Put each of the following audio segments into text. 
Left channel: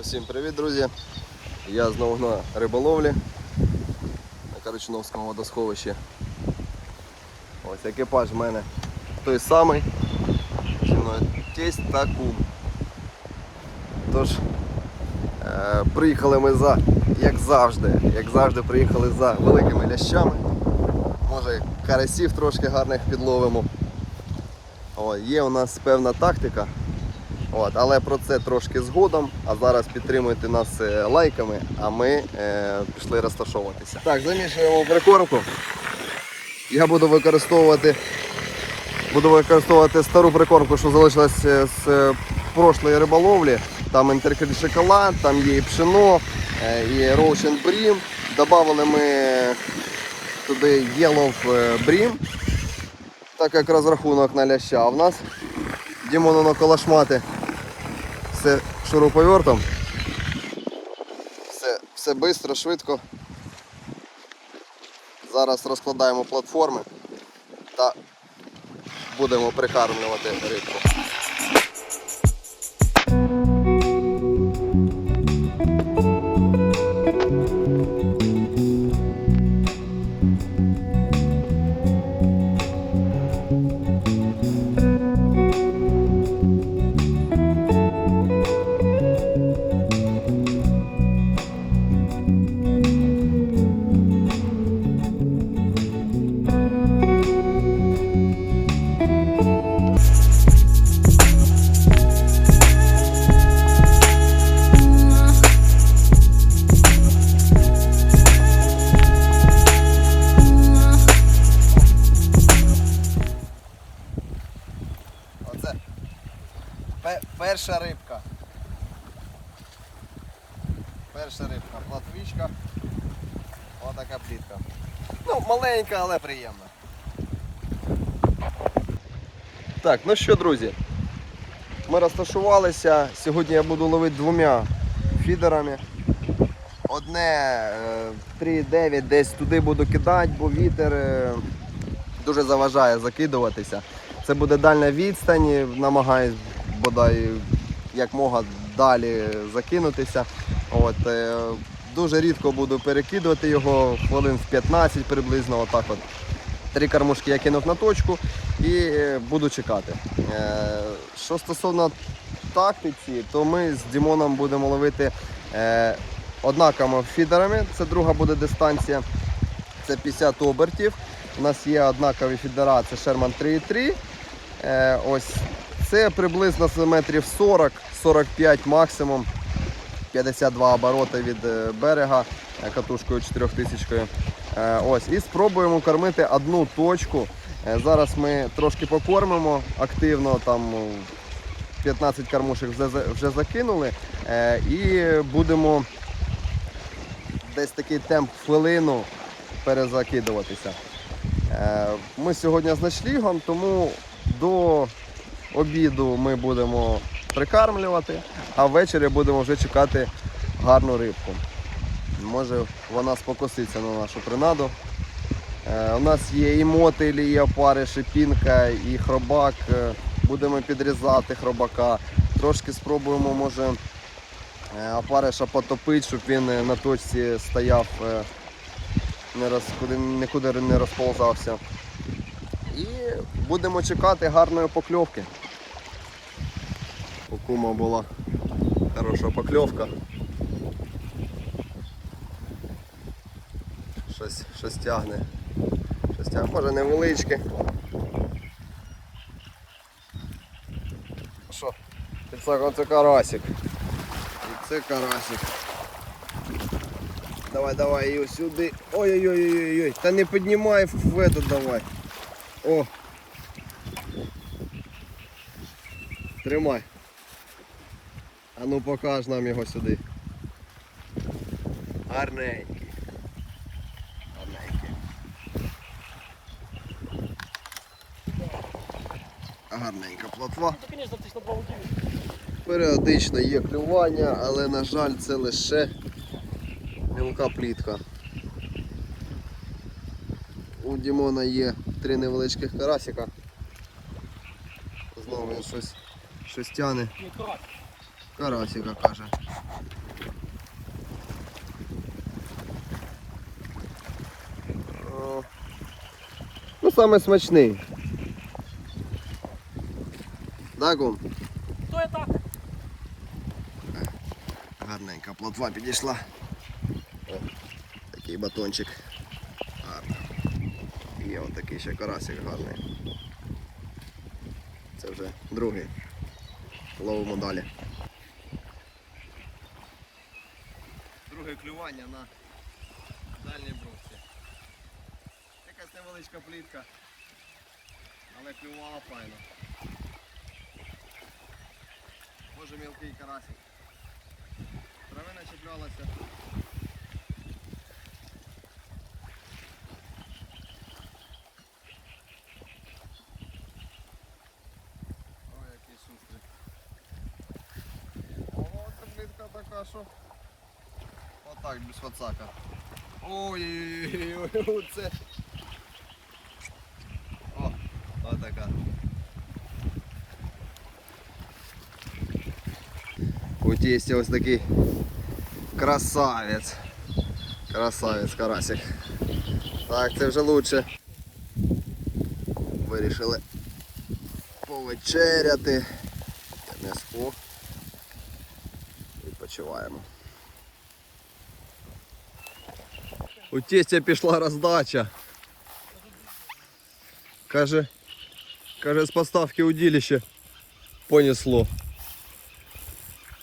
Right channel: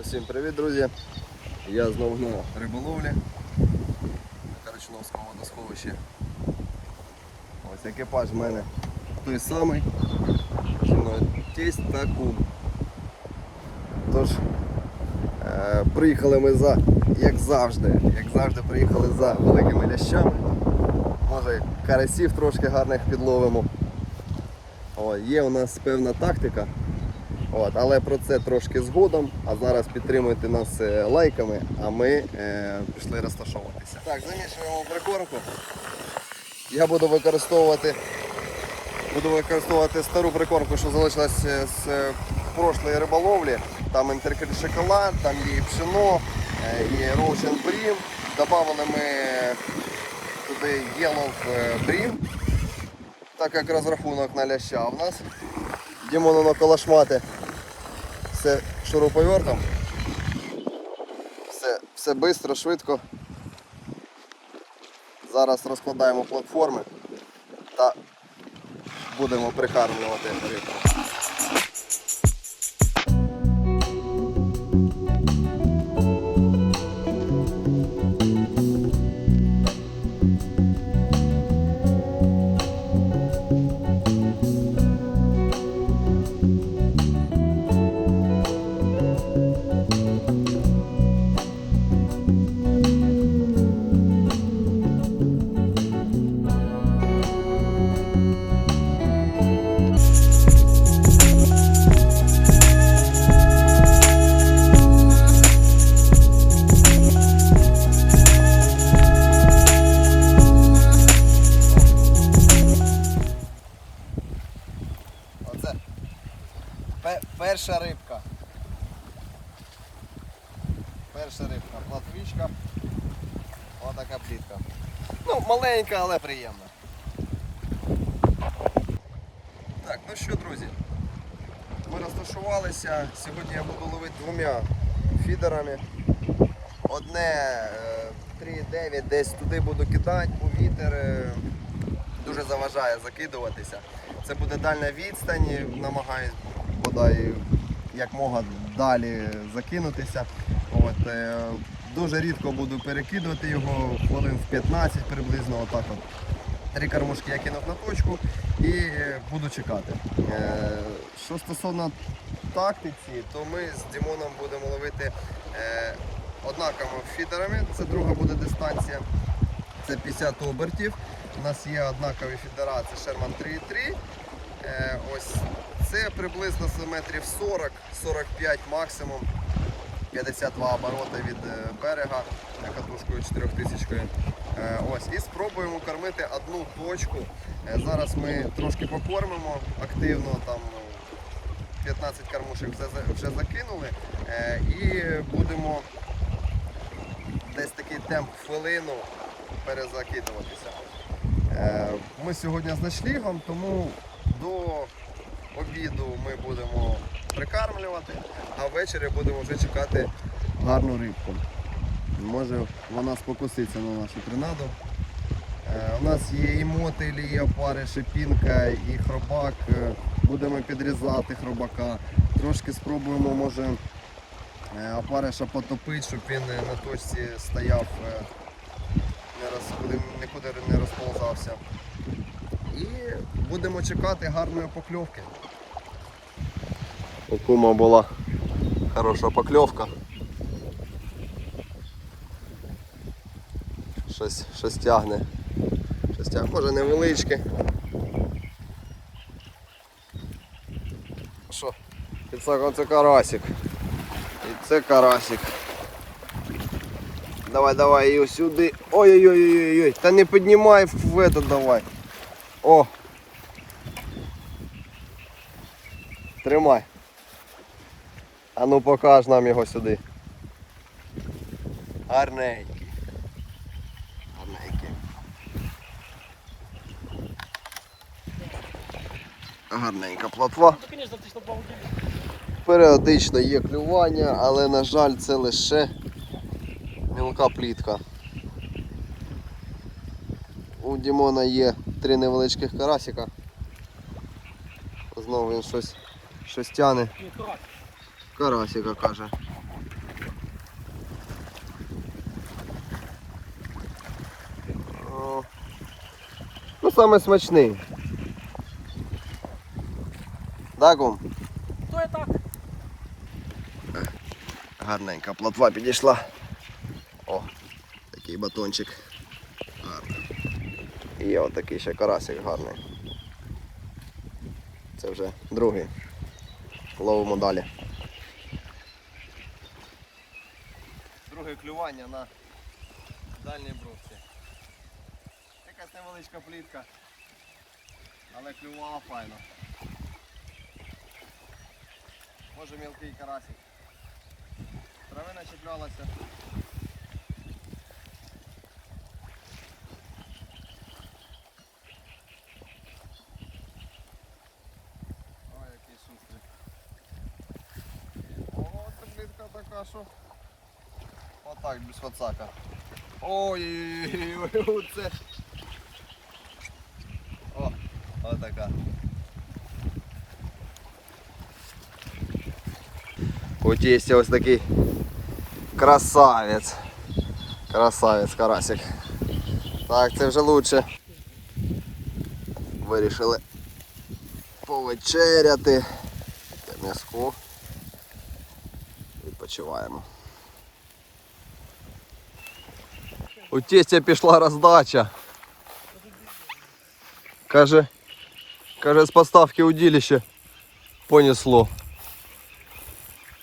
Усім привіт, друзі! Я знову на риболовлі на Карачуновському водосховищі. Ось екіпаж в мене той самий. Зі мною тесть та кум. Тож, е, приїхали ми за, як завжди, як завжди, приїхали за великими лящами. Може карасів трошки гарних підловимо. О, є у нас певна тактика. От, але про це трошки згодом. А зараз підтримуйте нас е, лайками, а ми е, пішли розташовуватися. Так, замішуємо прикормку. Я буду використовувати буду використовувати стару прикормку, що залишилась е, з е, прошлої риболовлі. Там інтеркель шоколад, там є і пшено, і роушен брім. Добавили ми туди Yellow брім, так як розрахунок на ляща. В нас Дімону на колошмати все шуруповертом. Все, все швидко, швидко. Зараз розкладаємо платформи та будемо прикармлювати рибку. Перша рибка, платвічка. Отака плітка. Ну, маленька, але приємна. Так, ну що, друзі, ми розташувалися. Сьогодні я буду ловити двома фідерами. Одне е, 3,9 десь туди буду кидати, бо вітер е, дуже заважає закидуватися. Це буде дальня відстань, намагаюсь бодай як мога далі закинутися. От, е, дуже рідко буду перекидувати його, хвилин в 15 приблизно. Отак от. Три кормушки я кинув на точку і е, буду чекати. Е, Що стосовно тактиці, то ми з Дімоном будемо ловити однаковими фідерами. Це друга буде дистанція. Це 50 обертів. У нас є однакові фідера, це Sherman 3.3. Е, ось це приблизно метрів 40-45 максимум. 52 обороти від е, берега е, катушкою 4000. Е, Ось, і спробуємо кормити одну точку. Зараз ми трошки покормимо активно, там ну, 15 кормушек вже, закинули. І будемо десь такий темп хвилину перезакидуватися. Ми сьогодні з ночлігом, тому до обіду ми будемо прикармлювати, а ввечері будемо вже чекати гарну рибку. Може вона спокуситься на нашу принаду. Е, У нас є і мотилі, і опариш, і пінка, і хробак. Е, Будемо підрізати хробака. Трошки спробуємо, може, е, опариша потопити, щоб він на точці стояв, не роз, нікуди не розползався. І будемо чекати гарної покльовки. У кума була хороша покльовка. Щось, щось тягне. Щось тягне, може невеличке. Що? Це, карасик. Це карасик. Давай, давай, її сюди. Ой-ой-ой-ой-ой. Та не піднімай в этот давай. О! Тримай. А ну покаж нам його сюди. Гарненький. Гарненький. Гарненька плотва. Періодично є клювання, але на жаль це лише мілка плітка. У Дімона є три невеличких карасика. Знову він щось, щось тяне. Карасика каже. Ну саме смачний. Так вам? Ну і так. Е, гарненька плотва підійшла. О, такий батончик. Гарний. Є отакий ще карасик гарний. Це вже другий. Ловимо далі. Друге клювання на дальній брусці. Якась невеличка плітка. Але клювала файно. Може мілкий карасик. Травина чіплялася. Ой, який шустрий. О, таблетка така, що. Отак, без фацака. Ой-ой-ой, це. О, отака. От ось такий красавець. Красавець карасик. Так, це вже лучше. Вирішили повечеряти. Несхо. Відпочиваємо. У тестя пішла роздача. Каже, каже, з поставки удилища понесло.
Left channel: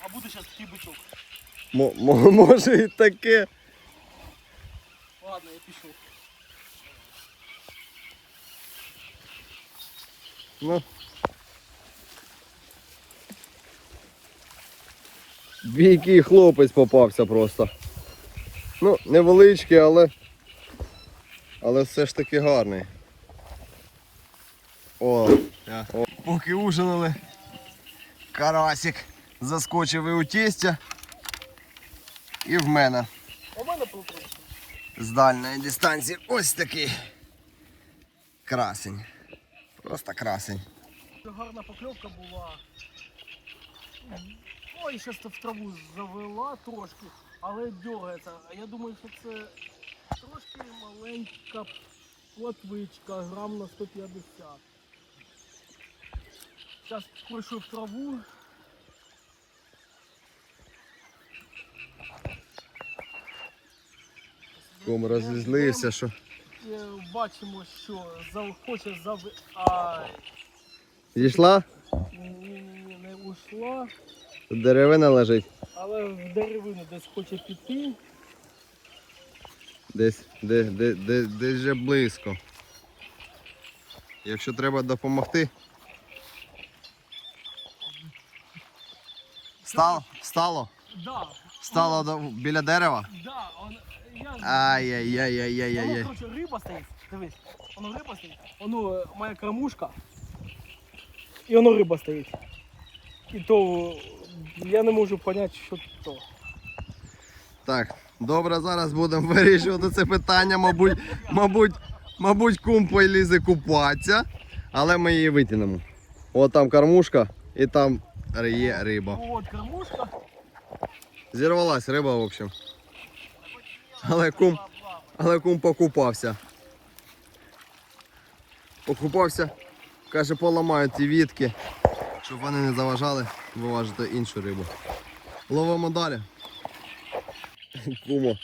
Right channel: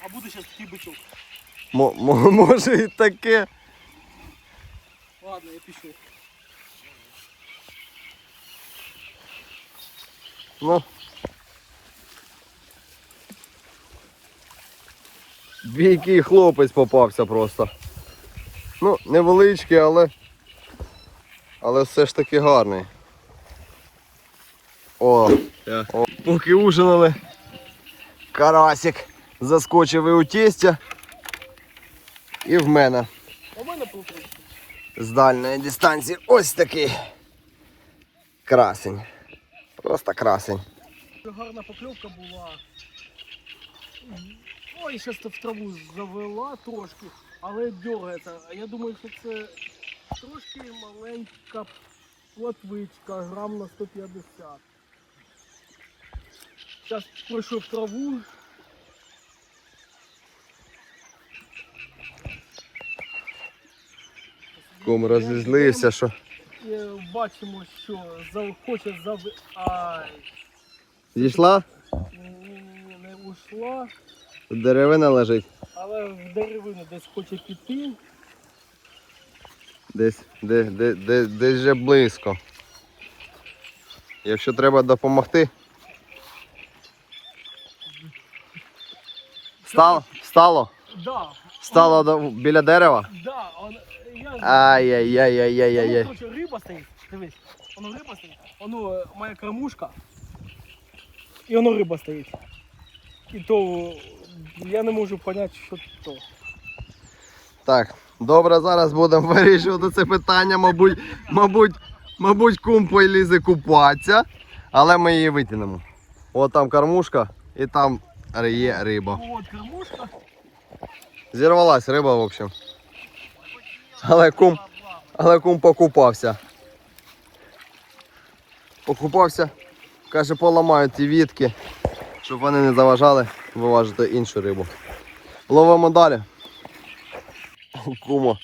А буде зараз такий бичок. Мо- може і таке. Ладно, я пішов. Ну. Який хлопець попався просто. Ну, невеличкий, але. Але все ж таки гарний. О, О. поки ужинали. Карасик заскочив і у тестя. І в мене з дальної дистанції ось такий красень. Просто красень. Гарна покльовка була. Ой, зараз в траву завела трошки, але дергається. А я думаю, що це трошки маленька платвичка, грам на 150. Зараз пройшов траву. Ком розізлився, що. І бачимо, що хоче зав... Ай, Зійшла? ні-ні-ні, не ушла, деревина лежить. але в деревину десь хоче піти. Десь, де, де, де, десь вже близько. Якщо треба допомогти. Стало? Стало? Да, Стало до, біля дерева? да, он, я ж- Ай-яй-яй-яй-яй-яй. Воно, коротше, риба стоїть, дивись, воно риба стоїть, воно е, моя кормушка, і воно риба стоїть. І то е, я не можу зрозуміти, що то. Так, добре, зараз будемо вирішувати це питання. Мабуть, мабуть, мабуть, кум полізе купатися, але ми її витягнемо. От там кормушка і там є риба. От кормушка. Зірвалась риба, в общем. Але кум, але кум покупався. Покупався, каже, поламають ті вітки, щоб вони не заважали виважити іншу рибу. Ловимо далі. Кума.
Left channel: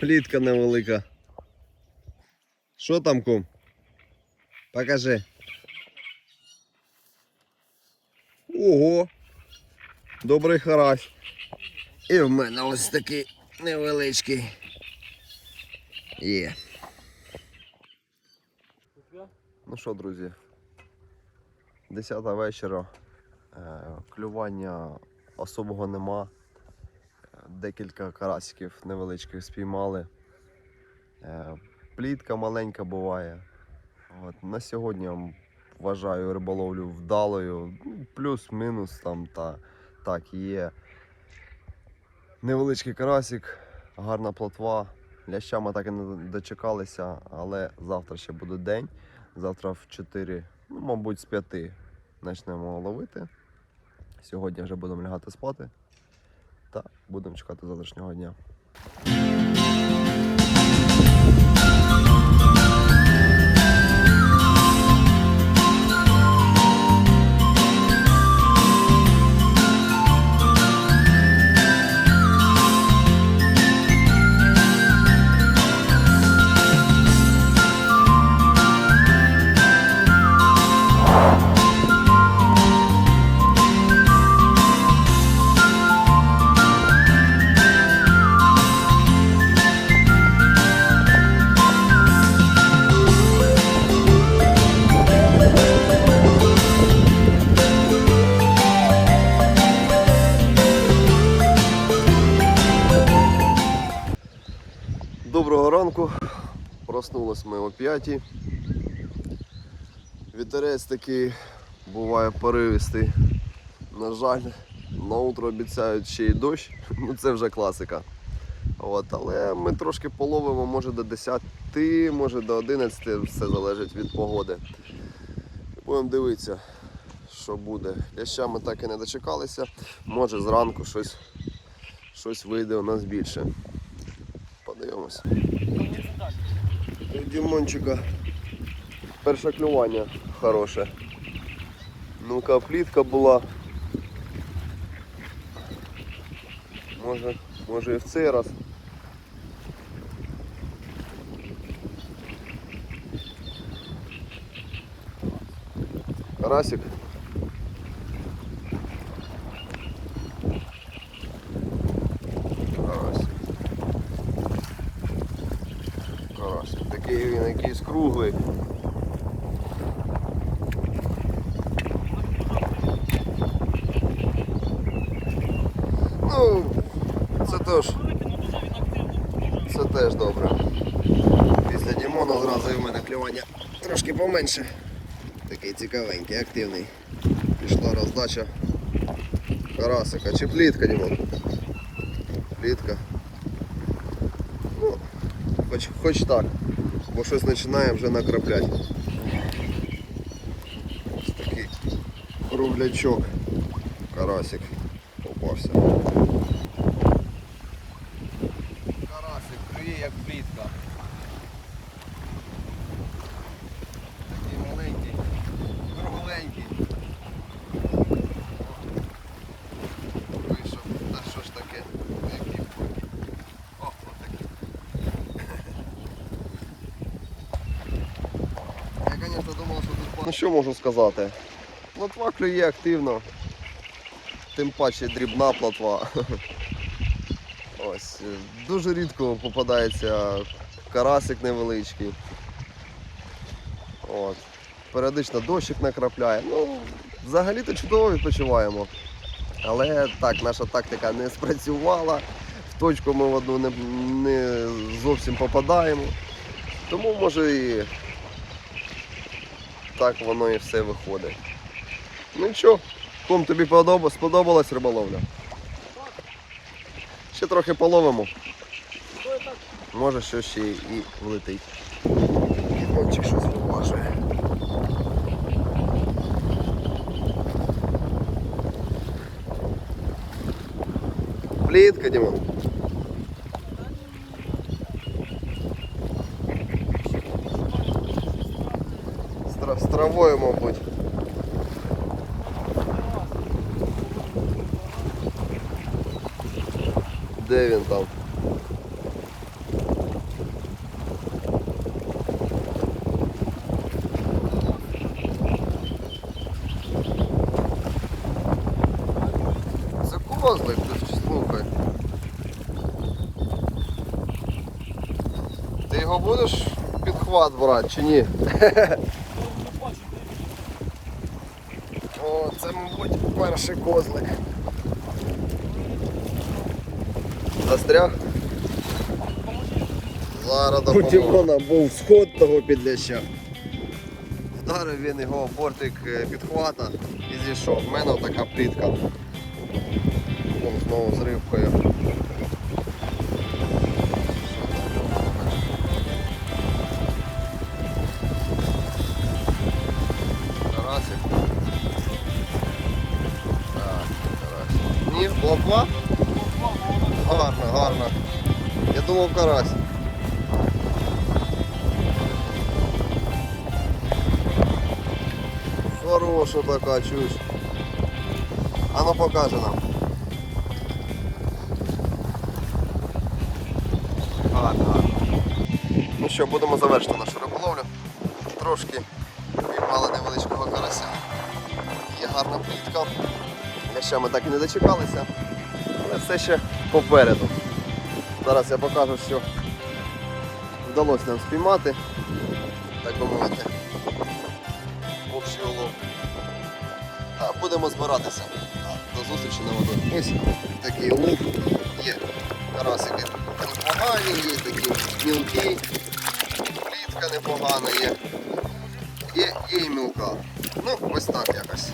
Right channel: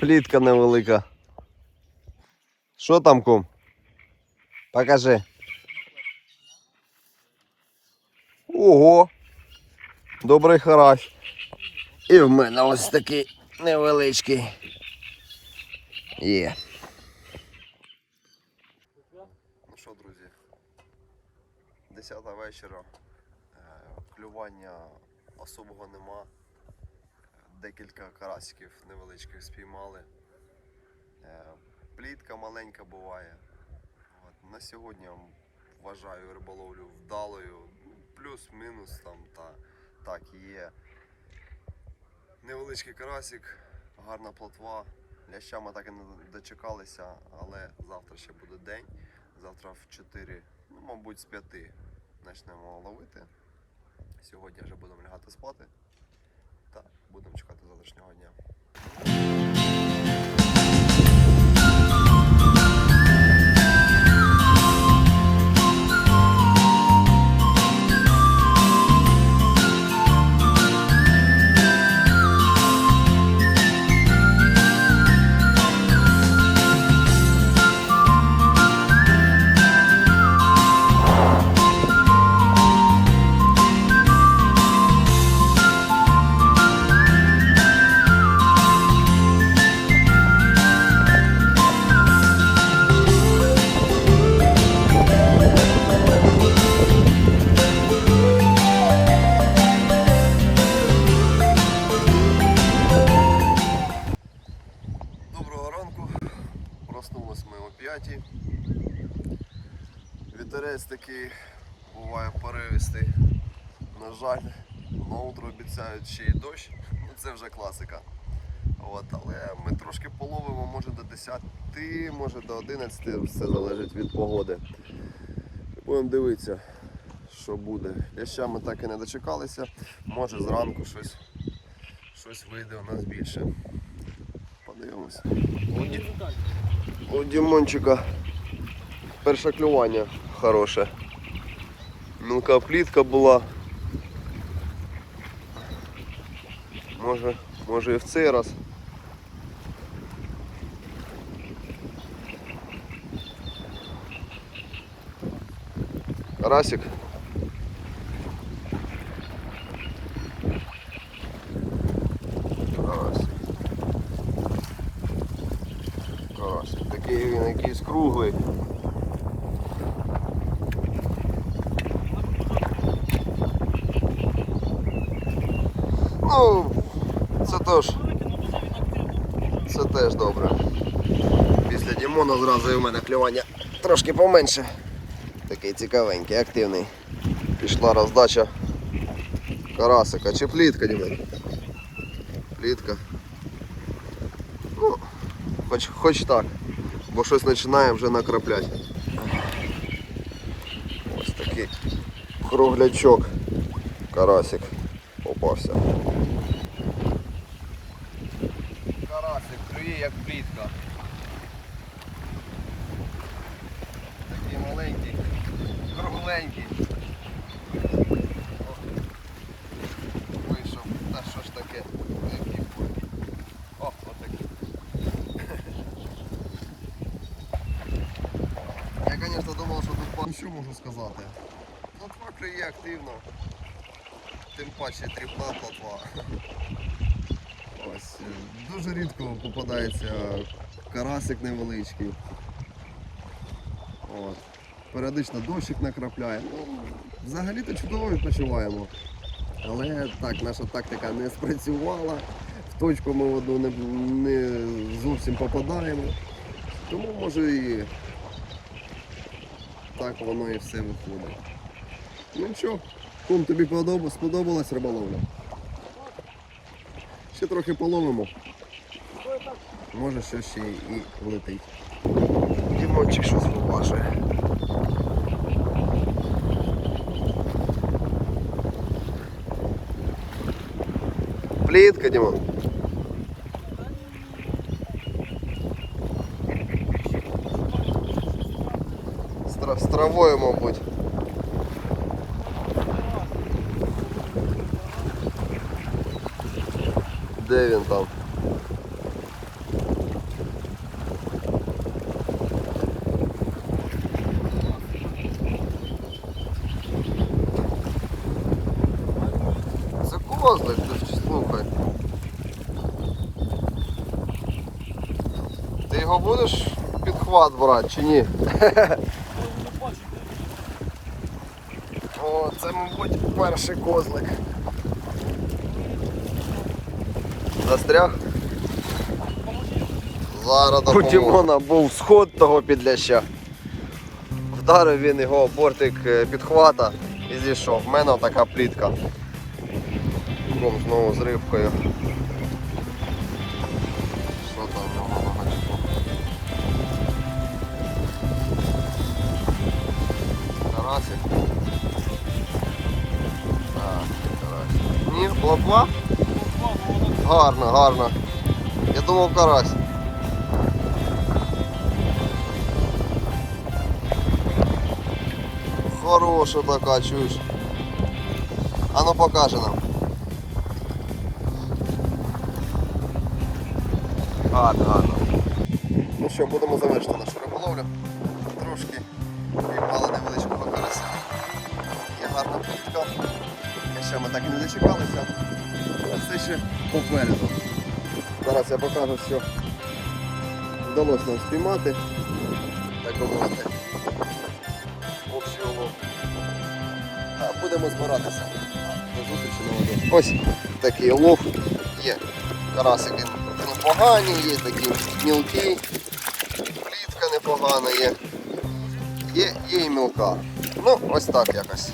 Плітка невелика. Що там, кум? Покажи. Ого! Добрий харась. І в мене ось такий невеличкий. Є. Ну що, друзі, 10 вечора. Е, Клювання особого нема. Декілька карасиків невеличких спіймали. Е, Плітка маленька буває. От, на сьогодні вважаю риболовлю вдалою. Ну, Плюс-мінус там та так є. Невеличкий карасик, гарна плотва. Ляща ми так і не дочекалися, але завтра ще буде день. Завтра в 4, ну, мабуть, з 5 почнемо ловити. Сьогодні вже будемо лягати спати. Та будемо чекати завтрашнього дня. 5. Вітерець такий буває поривистий. На жаль, на утро обіцяють ще й дощ. Ну це вже класика. От, але ми трошки половимо, може до 10, може до 11, все залежить від погоди. Будемо дивитися, що буде. Ляща ми так і не дочекалися. Може зранку щось, щось вийде у нас більше. Подивимося. У Дімончика перше клювання хороше. Мілка плітка була. Може, може і в цей раз. Карасик. Карасик. Круглий. Ну, це теж. Це теж добре. Після Дімона зразу і в мене клювання трошки поменше. Такий цікавенький, активний. Пішла роздача карасика чи плітка, Дімон? Плітка. Ну, хоч, хоч так. Бо щось починає вже накрапляти. Ось такий круглячок. Карасик попався. Карасик клює як плітка. Такий маленький, кругленький. О, Вийшов. Та що ж таке? Який пульки. О, отакий. Я, звісно, думав, що можу сказати? Плотва клює активно. Тим паче дрібна плотва. Ось. Дуже рідко попадається карасик невеличкий. От. Періодично дощик накрапляє. Ну, взагалі-то чудово відпочиваємо. Але так, наша тактика не спрацювала. В точку ми в одну не, не зовсім попадаємо. Тому може і так воно і все виходить. Ну нічого, ком тобі сподобалась риболовля? Ще трохи половимо. Може що ще і влетить. Дімончик щось покаже. Плітка, Дімон. З тра- З травою, мабуть. Де він там? Ти його будеш під хват брати чи ні? О, це, мабуть, перший козлик. Застряг? Зараз У Дімона був сход того підляща. Вдарив він його бортик е, підхвата і зійшов. У мене така плітка. Знову з рибкою. Ні, плотва? Гарно. Я думав карась. Хороша така, чуєш. А ну покаже нам. Гарно, гарно. Ну що, будемо завершити нашу риболовлю. Трошки піймали невеличкого карася. Є гарна плітка. Ще ми так і не дочекалися. Але все ще попереду. Зараз я покажу, що вдалося нам спіймати, так би мовити, общий улов. А будемо збиратися. До зустрічі на воді. Ось такий улов. Є карасики непогані, є такі мілкі, рибка непогана є. Є, є і мілка. Ну, ось так якось.